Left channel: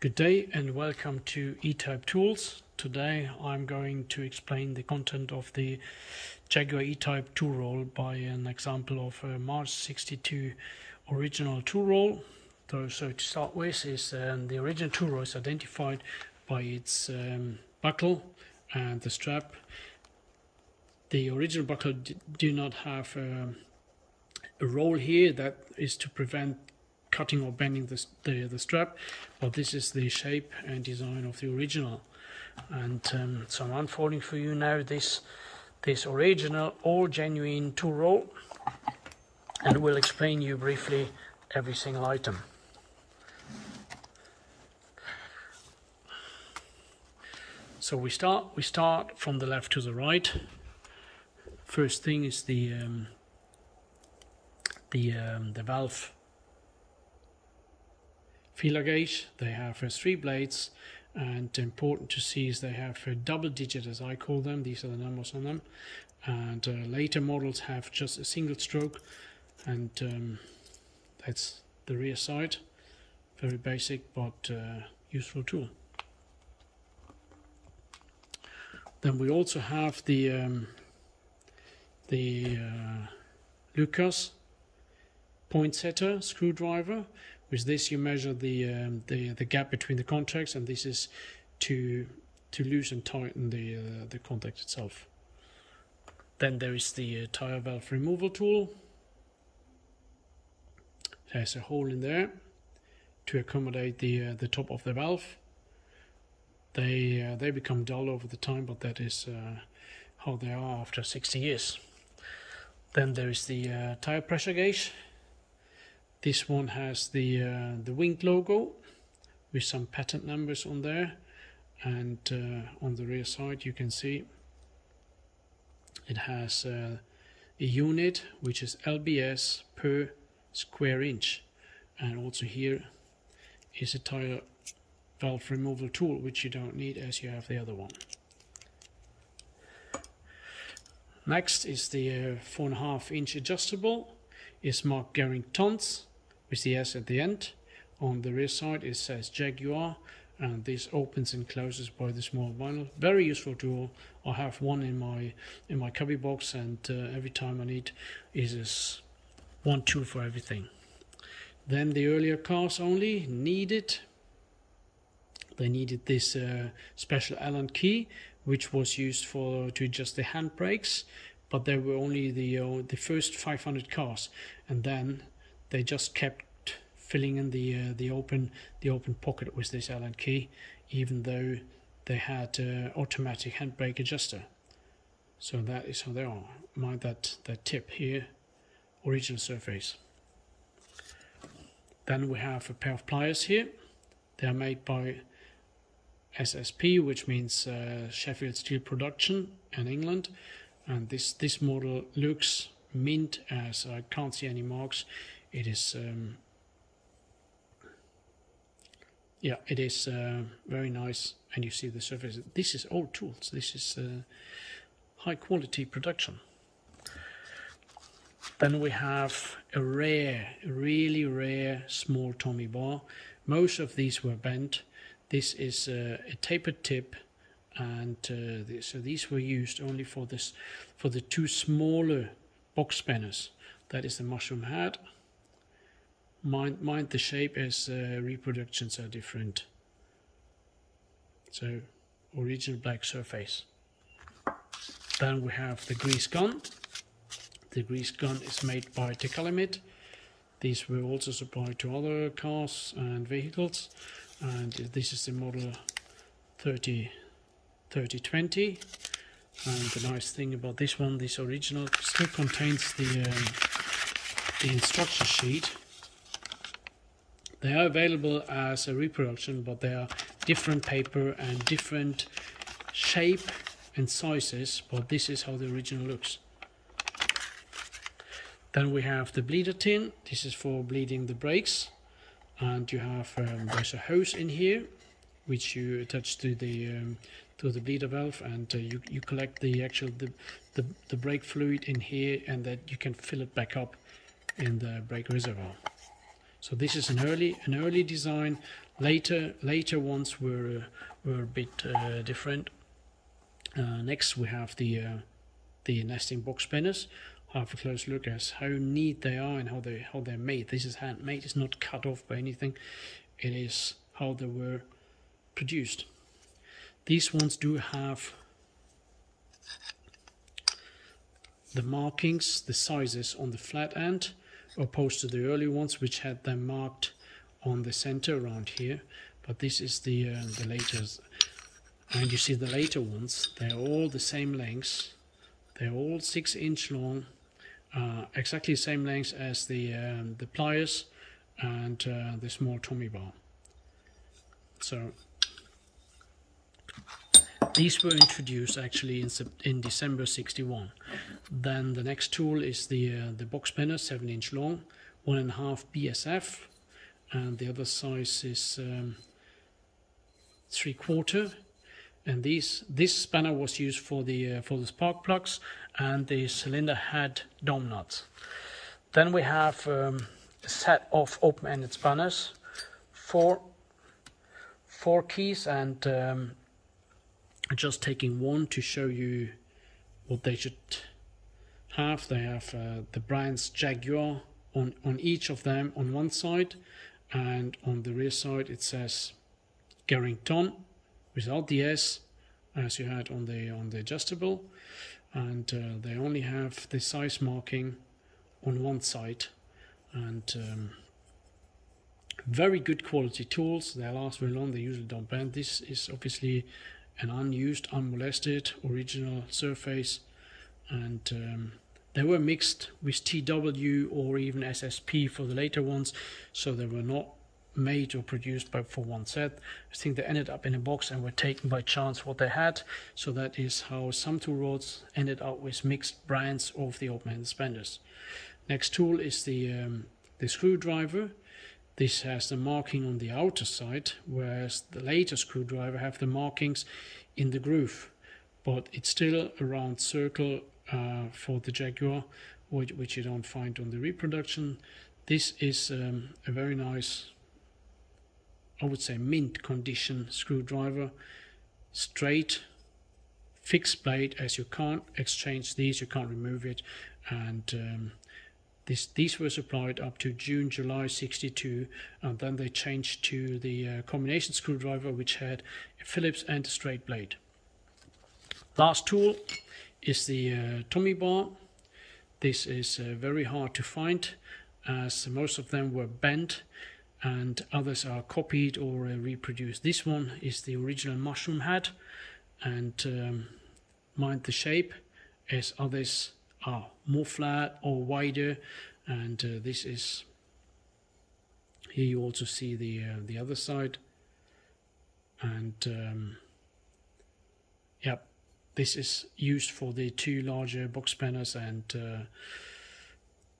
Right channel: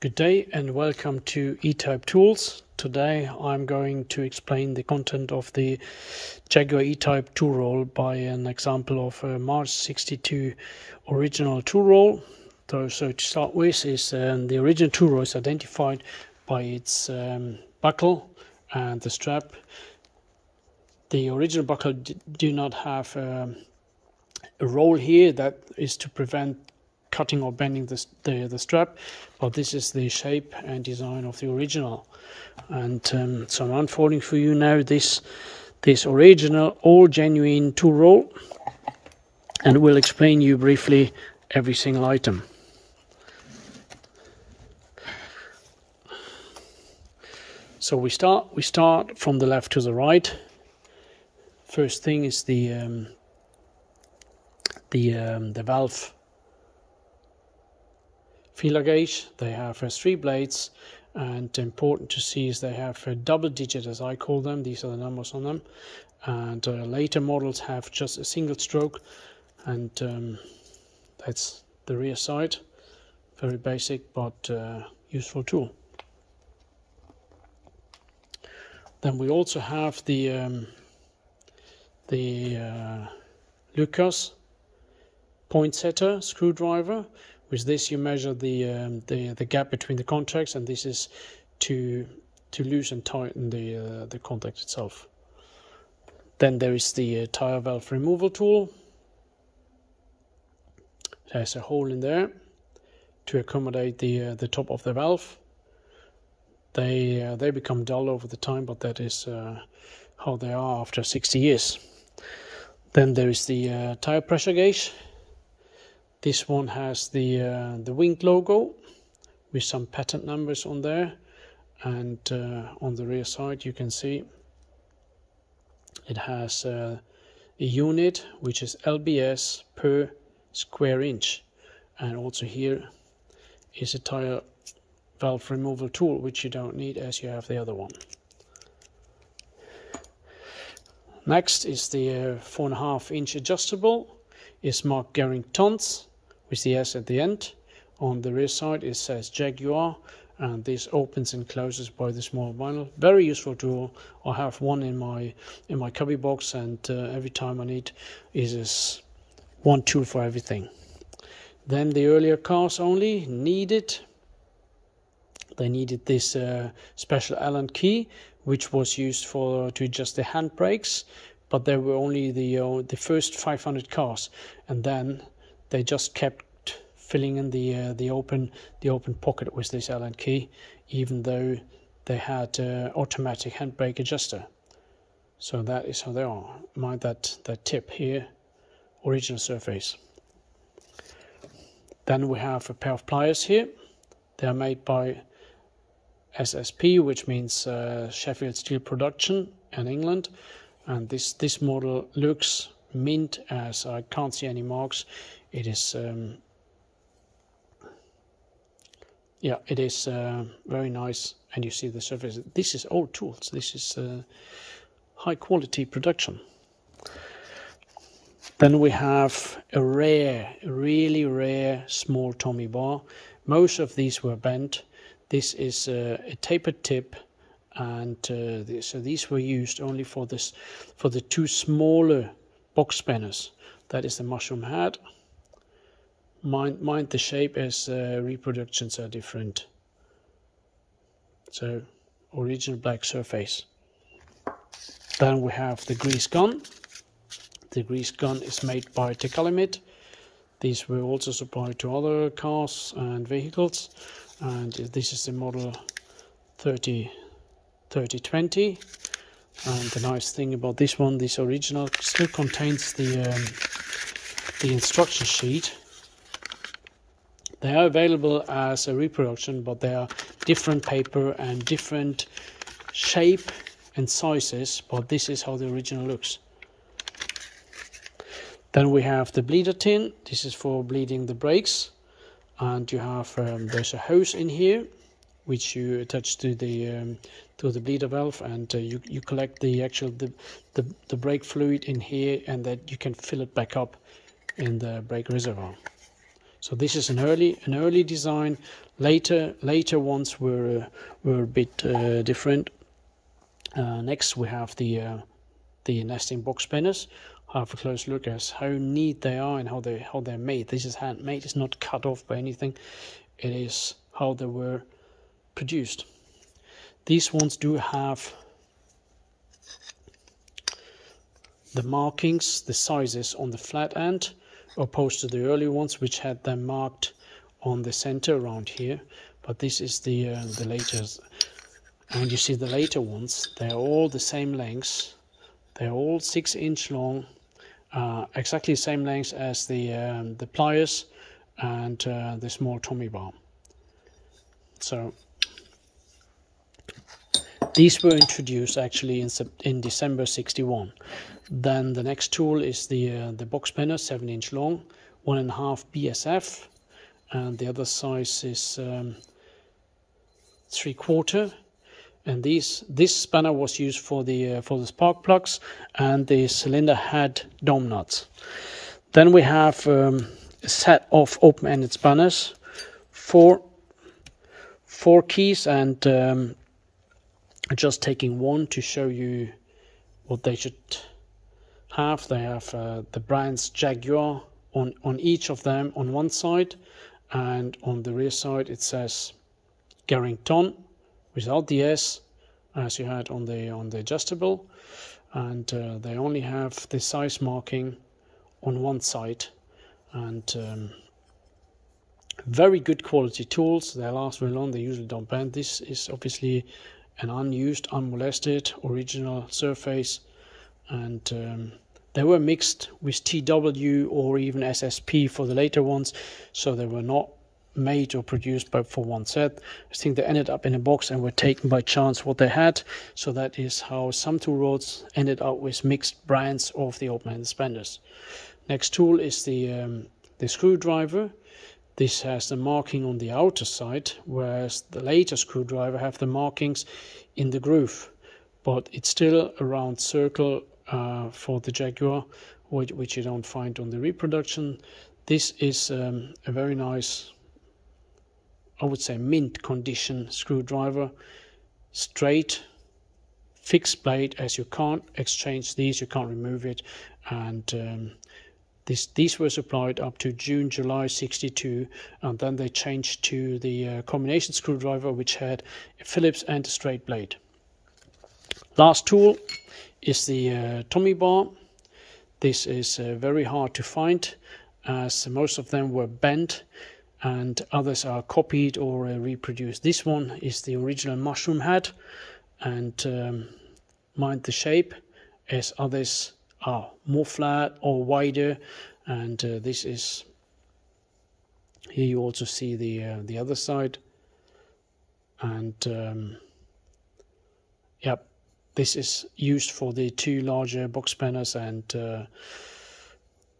Good day and welcome to E Type Tools. Today I'm going to explain the content of the Jaguar E Type tool roll by an example of a March 62 original tool roll. So to start with, is the original tool roll is identified by its buckle and the strap. The original buckle do not have a roll here that is to prevent cutting or bending the strap, but this is the shape and design of the original. And so I'm unfolding for you now this original all genuine tool roll, and we'll explain you briefly every single item. So we start from the left to the right. First thing is the valve feeler gauge. They have 3 blades, and important to see is they have a double digit, as I call them. These are the numbers on them, and later models have just a single stroke, and that's the rear side. Very basic but useful tool. Then we also have the Lucas point setter screwdriver. With this you measure the gap between the contacts, and this is to loosen and tighten the contact itself. Then there is the tire valve removal tool. There's a hole in there to accommodate the top of the valve. They become dull over the time, but that is how they are after 60 years. Then there is the tire pressure gauge. This one has the wing logo with some patent numbers on there, and on the rear side you can see it has a unit which is lbs per square inch, and also here is a tire valve removal tool, which you don't need as you have the other one. Next is the 4.5 inch adjustable. It's marked Gering tons with the S at the end. On the rear side it says Jaguar, and this opens and closes by the small vinyl. Very useful tool. I have one in my cubby box, and every time I need is one tool for everything. Then the earlier cars only needed this special Allen key, which was used to adjust the handbrakes, but there were only the first 500 cars, and then they just kept filling in the open pocket with this Allen key, even though they had automatic handbrake adjuster. So that is how they are. Mind that tip here, original surface. Then we have a pair of pliers here. They are made by SSP, which means Sheffield Steel Production in England, and this model looks mint, as I can't see any marks. It is it is very nice, and you see the surface. This is old tools. This is high quality production. Then we have a really rare small Tommy bar. Most of these were bent. This is a tapered tip, and so these were used only for the 2 smaller box spanners. That is the mushroom head. Mind the shape, as reproductions are different. So original black surface. Then we have the grease gun. The grease gun is made by Tecalimit. These were also supplied to other cars and vehicles, and this is the model 3020. And the nice thing about this one, this original, still contains the instruction sheet. They are available as a reproduction, but they are different paper and different shape and sizes, but this is how the original looks. Then we have the bleeder tin. This is for bleeding the brakes, and you have there's a hose in here which you attach to the bleeder valve, and you collect the brake fluid in here, and that you can fill it back up in the brake reservoir. So this is an early design, Later ones were a bit different. Next we have the nesting box spinners. Have a close look at how neat they are and how they're made. This is handmade. It's not cut off by anything. It is how they were produced. These ones do have the markings, the sizes on the flat end, opposed to the early ones which had them marked on the center around here. But this is the latest, and you see the later ones. They're all the same lengths. They're all 6-inch long, exactly the same length as the pliers and the small Tommy bar. So these were introduced actually in December '61. Then the next tool is the box spinner, 7-inch long, 1.5 BSF, and the other size is 3/4. And this spanner was used for the spark plugs, and the cylinder head dome nuts. Then we have a set of open-ended spanners, four keys, and just taking one to show you what they should have. They have the brands Jaguar on each of them on one side, and on the rear side it says Garrington without the S, as you had on the adjustable, and they only have the size marking on one side. And very good quality tools. They last very long. They usually don't bend. This is obviously an unused, unmolested original surface, and they were mixed with TW or even SSP for the later ones, so they were not made or produced for one set. I think they ended up in a box and were taken by chance what they had. So that is how some tool rods ended up with mixed brands of the open-ended spanners. Next tool is the screwdriver. This has the marking on the outer side, whereas the later screwdriver have the markings in the groove, but it's still a round circle for the Jaguar, which you don't find on the reproduction. This is a very nice, I would say, mint condition screwdriver. Straight, fixed blade, as you can't exchange these, you can't remove it. And these were supplied up to July '62, and then they changed to the combination screwdriver, which had a Phillips and a straight blade. Last tool is the Tommy bar. This is very hard to find, as most of them were bent and others are copied or reproduced. This one is the original mushroom head, and mind the shape, as others are more flat or wider. And this is, here you also see the other side, and yep, this is used for the two larger box spanners, and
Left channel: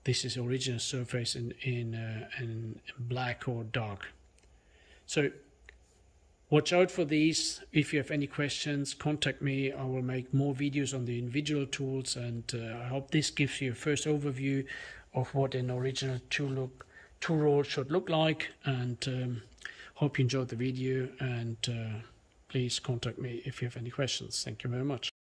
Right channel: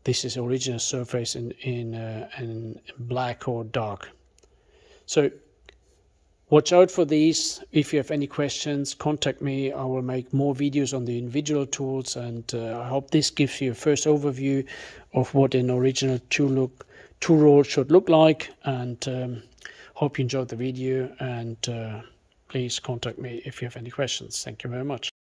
this is original surface in black or dark. So watch out for these. If you have any questions, contact me. I will make more videos on the individual tools, and I hope this gives you a first overview of what an original tool roll should look like. And hope you enjoyed the video, and please contact me if you have any questions. Thank you very much.